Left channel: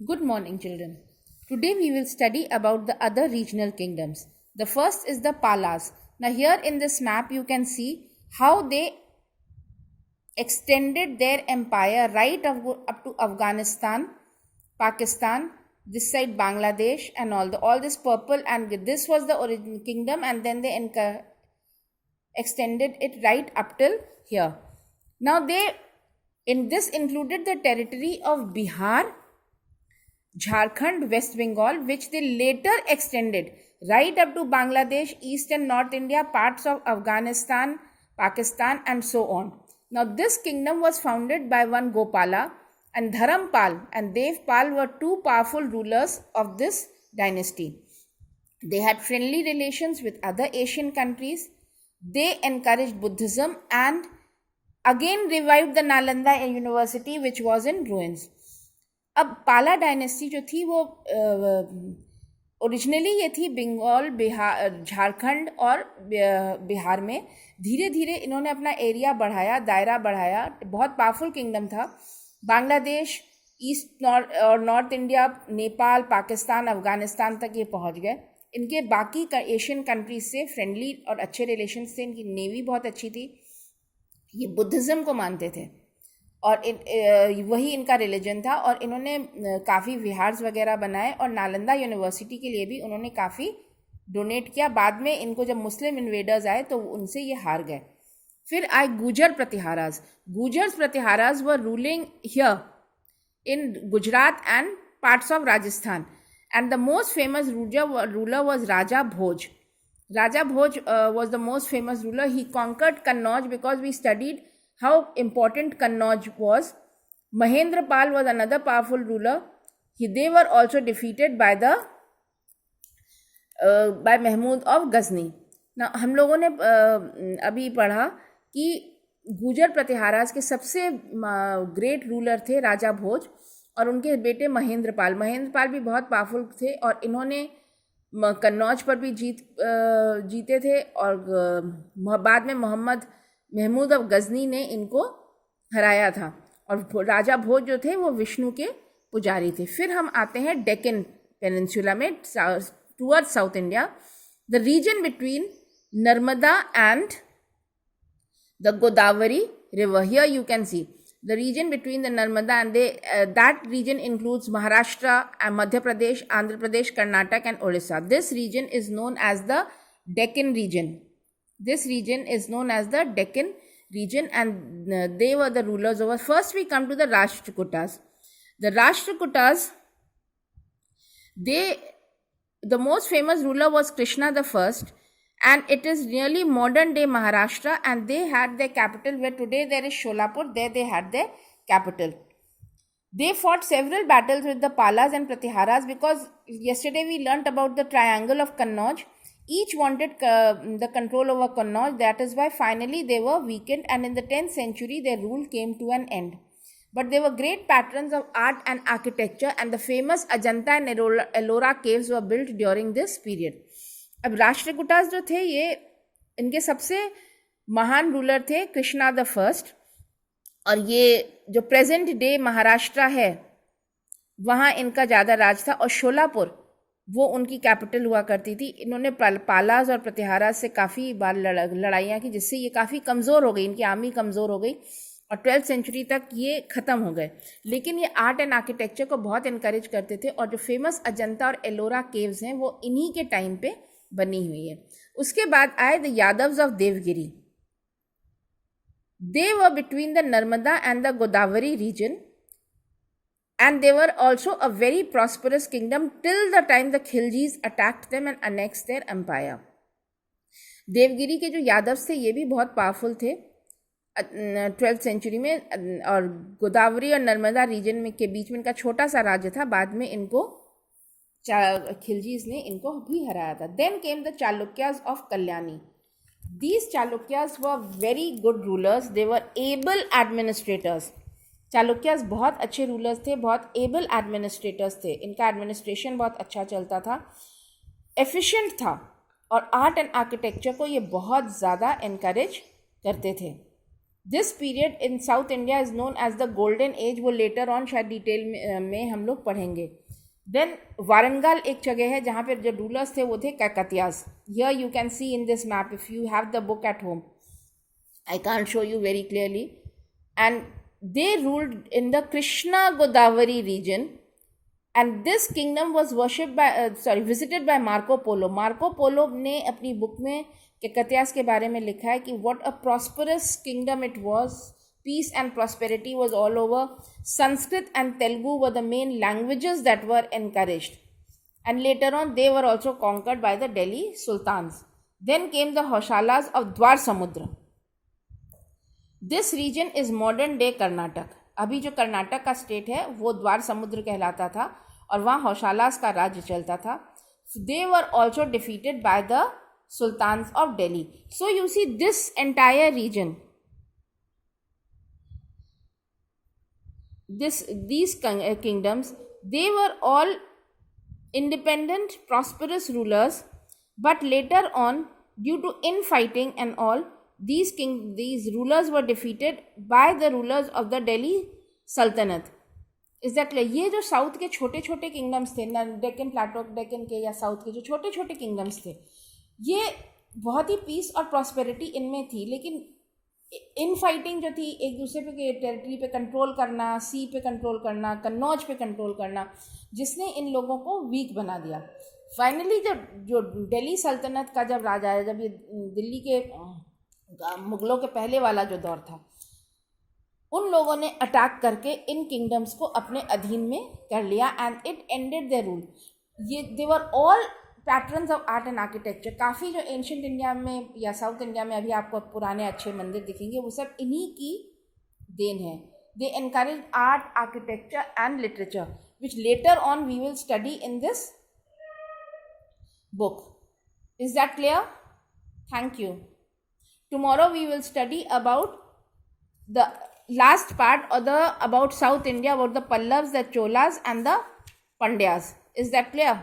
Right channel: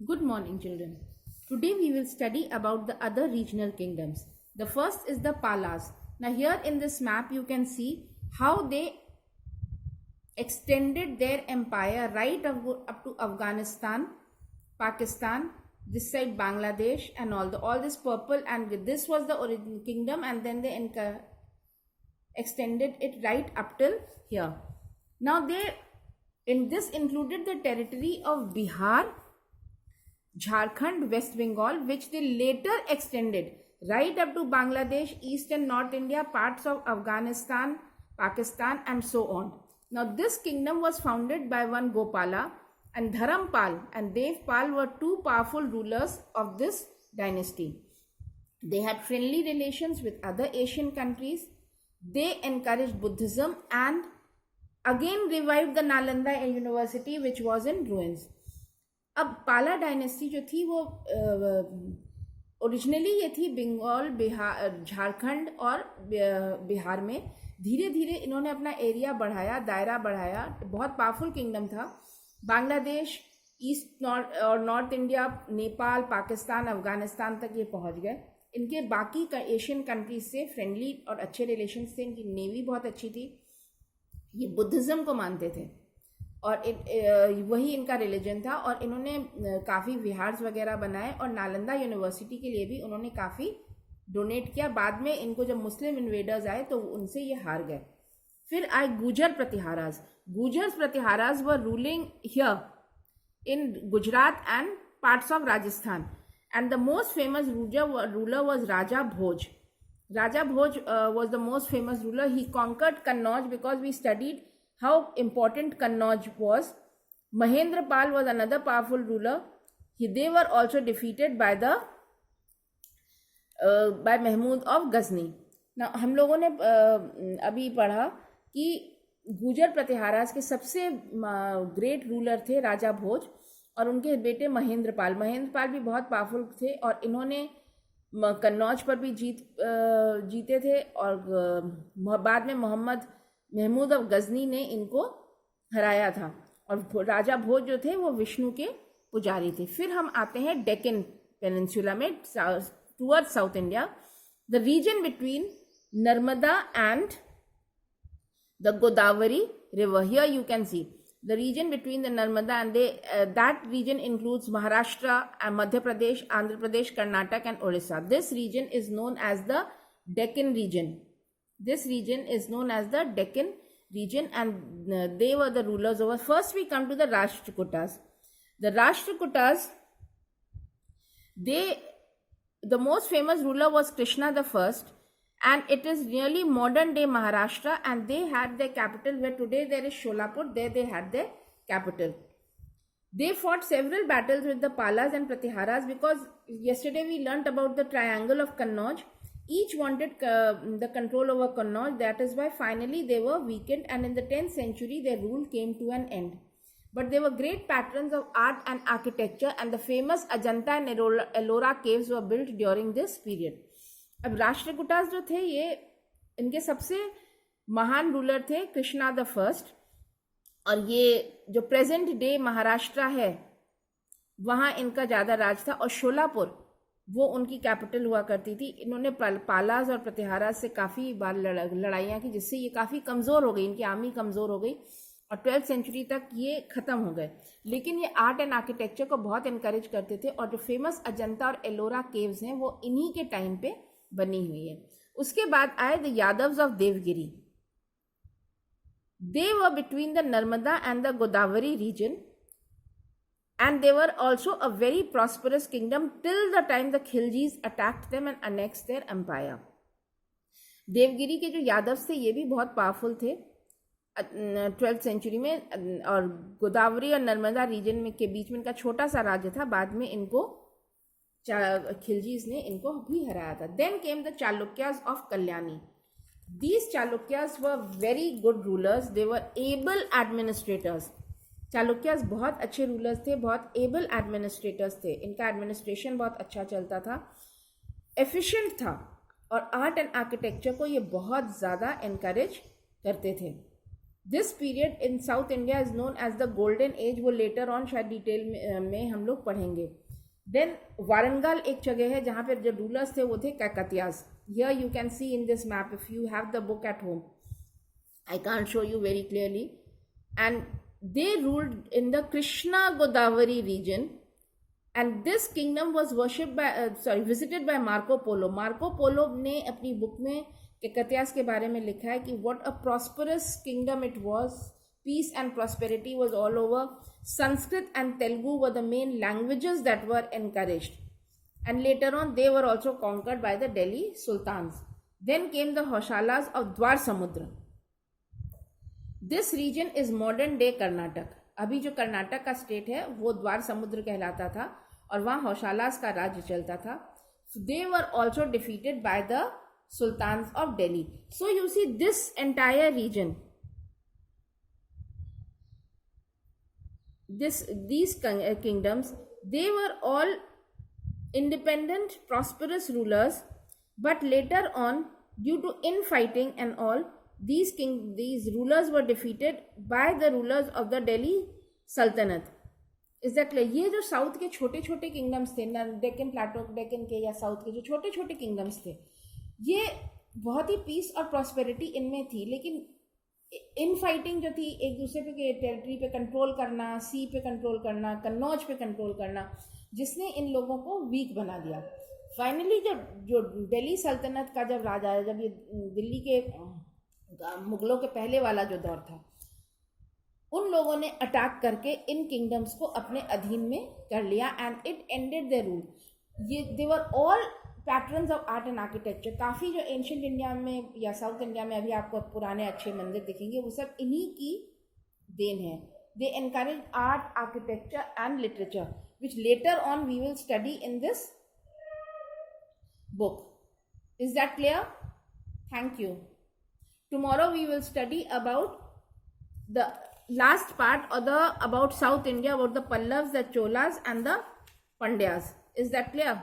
Good morning, children. Today we will study about the other regional kingdoms. The first is the Palas. Now, here in this map, you can see how they extended their empire right up to Afghanistan, Pakistan, this side Bangladesh, and all this purple. And this was the original kingdom, and then they extended it right up till here. Now, this included the territory of Bihar, Jharkhand, West Bengal, which they later extended right up to Bangladesh, East and North India, parts of Afghanistan, Pakistan, and so on. Now, this kingdom was founded by one Gopala, and Dharampal and Devpal were two powerful rulers of this dynasty. They had friendly relations with other Asian countries. They encouraged Buddhism and again revived the Nalanda University, which was in ruins. अब पाला dynasty जो थी वो originally ये थी बंगाल, बिहार, झारखंड और बिहार में. धीरे धीरे इन्होंने अपना एरिया बढ़ाया, दायरा बढ़ाया. बहुत पावरफुल किंगडम था. बांग्लादेश, ईस्ट और नॉर्थ इंडिया, नेपाल, पाकिस्तान, अफगानिस्तान तक ये पहुंच गए. इनके बाकी एशियन कंट्रीज से फ्रेंडली और अच्छे रिलेशंस थे. इनकी नेवी बहुत अच्छी थी. ये बुद्धिज़्म को मानते थे और वही इनका रिलीजन था. और इन्होंने काफ़ी विहार्स वगैरह बनाए और नालंदा यूनिवर्सिटी के लिए भी उन्होंने काफ़ी डोनेट किया. बाद में इनको जब मुस्लिम इन्वेडर्स आए तो उनसे ये हार गए. फिर आए Gurjar Pratiharas. Gurjars Pratiharas were ruling here in Gujarat and parts of Rajasthan. And the most famous ruler was Raja Bhoj. Raja Bhoj was the most famous ruler. He conquered Kannauj because we studied how important Kannauj was. Mahendrapal was another powerful ruler. They were also defeated by Mahmud of Ghazni. Now हम लोगों ने अभी पढ़ा कि गुजर प्रतिहाराज के सबसे great ruler थे राजा भोज और उनके बेटे महेंद्रपाल. महेंद्रपाल भी बहुत पावरफुल थे और इन्होंने कन्नौज पर भी जीते थे. और बाद में महमूद ऑफ गजनी ने इनको हराया था. और राजा भोज जो थे वो विष्णु के पुजारी थे. फिर हम आते हैं डेक्कन पेनिनसुला में towards south India. The region between Narmada and the Godavari river. Here you can C the region between the Narmada and that region includes Maharashtra and Madhya Pradesh, Andhra Pradesh, Karnataka and Odisha. This region is known as the Deccan region. This region is known as the Deccan region and they were the rulers over. First we come to the Rashtrakutas. The Rashtrakutas, the most famous ruler was Krishna the First, and it is nearly modern day Maharashtra, and they had their capital where today there is Sholapur. There they had their capital. They fought several battles with the Palas and Pratiharas because yesterday we learnt about the triangle of Kannauj. Each wanted the control over Kannauj. That is why finally they were weakened, and in the 10th century their rule came to an end. But they were great patrons of art and architecture, and the famous Ajanta and Ellora caves were built during this period. अब राष्ट्रकूटास जो थे ये इनके सबसे महान ruler थे Krishna the first. और ये जो प्रेजेंट डे महाराष्ट्र है वहाँ इनका ज़्यादा राज था. और शोलापुर वो उनकी कैपिटल हुआ करती थी. इन्होंने पालास और प्रतिहाराज से काफ़ी बार लड़ाइयाँ की जिससे ये काफ़ी कमज़ोर हो गई. इनकी आर्मी कमज़ोर हो गई और 12th सेंचुरी तक ये ख़त्म हो गए. लेकिन ये आर्ट एंड आर्किटेक्चर को बहुत इनकरेज करते थे और जो फेमस अजंता और एलोरा केव्स हैं वो इन्हीं के टाइम पे बनी हुई है. उसके बाद आए the Yadavas of Devagiri. They were between the Narmada and the Godavari region and they were also a very prosperous kingdom till the time the Khiljis attacked them and annexed their empire. Devagiri के जो यादव्स थे ये भी बहुत पावरफुल थे 12th सेंचुरी में. और गोदावरी और नर्मदा रीजन में के बीच में इनका छोटा सा राज्य था. बाद में इनको खिलजीज ने इनको भी हराया था. Then came the Chalukyas of Kalyani. These Chalukyas were very good rulers. They were able administrators. Chalukyas बहुत अच्छे रूलर्स थे, बहुत एबल एडमिनिस्ट्रेटर्स थे. इनका एडमिनिस्ट्रेशन बहुत अच्छा चलता था, एफिशिएंट था और आर्ट एंड आर्किटेक्चर को ये बहुत ज़्यादा इनकरेज करते थे. This period in south India is known as the golden age. वो लेटर ऑन शायद डिटेल में हम लोग पढ़ेंगे. देन वारंगल एक जगह है जहाँ पे जो रूलर्स थे वो थे Kakatiyas. Here you can see in this map if you have the book at home. I can't show you very clearly. And they ruled in the Krishna Godavari region. And this kingdom was worshipped by, visited by Marco Polo. Marco Polo ने अपनी book में केकतियास के बारे में लिखा है कि what a prosperous kingdom it was. Peace and prosperity was all over. Sanskrit and Telugu were the main languages that were encouraged. And later on, they were also conquered by the Delhi Sultans. Then came the Hoshalas of Dwar Samudra. This region is modern day Karnataka. अभी जो कर्नाटक का state है वो द्वार समुद्र कहलाता था और वहाँ हौशालास का राज्य चलता था. They were also defeated by the sultans of Delhi. So you see this entire region, these kingdoms, they were all independent, prosperous rulers, but later on, due to infighting and all, these rulers were defeated by the rulers of the Delhi Sultanate. Is that clear? ये जो south के छोटे छोटे kingdoms थे ना, Deccan Plato, Deccan के या south के जो छोटे छोटे किंगडम्स थे, ये बहुत ही पीस और प्रॉस्पेरिटी इनमें थी, लेकिन इन फाइटिंग जो थी एक दूसरे पे टेरिटरी पे कंट्रोल करना, सी पे कंट्रोल करना, कन्नौज पे कंट्रोल करना, जिसने इन लोगों को वीक बना दिया. फाइनली जब जो दिल्ली सल्तनत का जब राजा है, जब ये दिल्ली के मुगलों के पहले वाला जो दौर था, उन लोगों ने अटैक करके इन किंगडम्स को अपने अधीन में कर लिया and it ended their rule. ये they were all patterns of art and architecture. काफ़ी जो एंशियंट इंडिया में या साउथ इंडिया में अभी आपको पुराने अच्छे मंदिर दिखेंगे, वो सब इन्हीं की देन है. They encourage art, architecture and literature, which later on we will study in this book. Is that clear? Thank you. Tomorrow we will study about the last part or about South India, about the Pallavas, the Cholas and the Pandyas. Is that clear?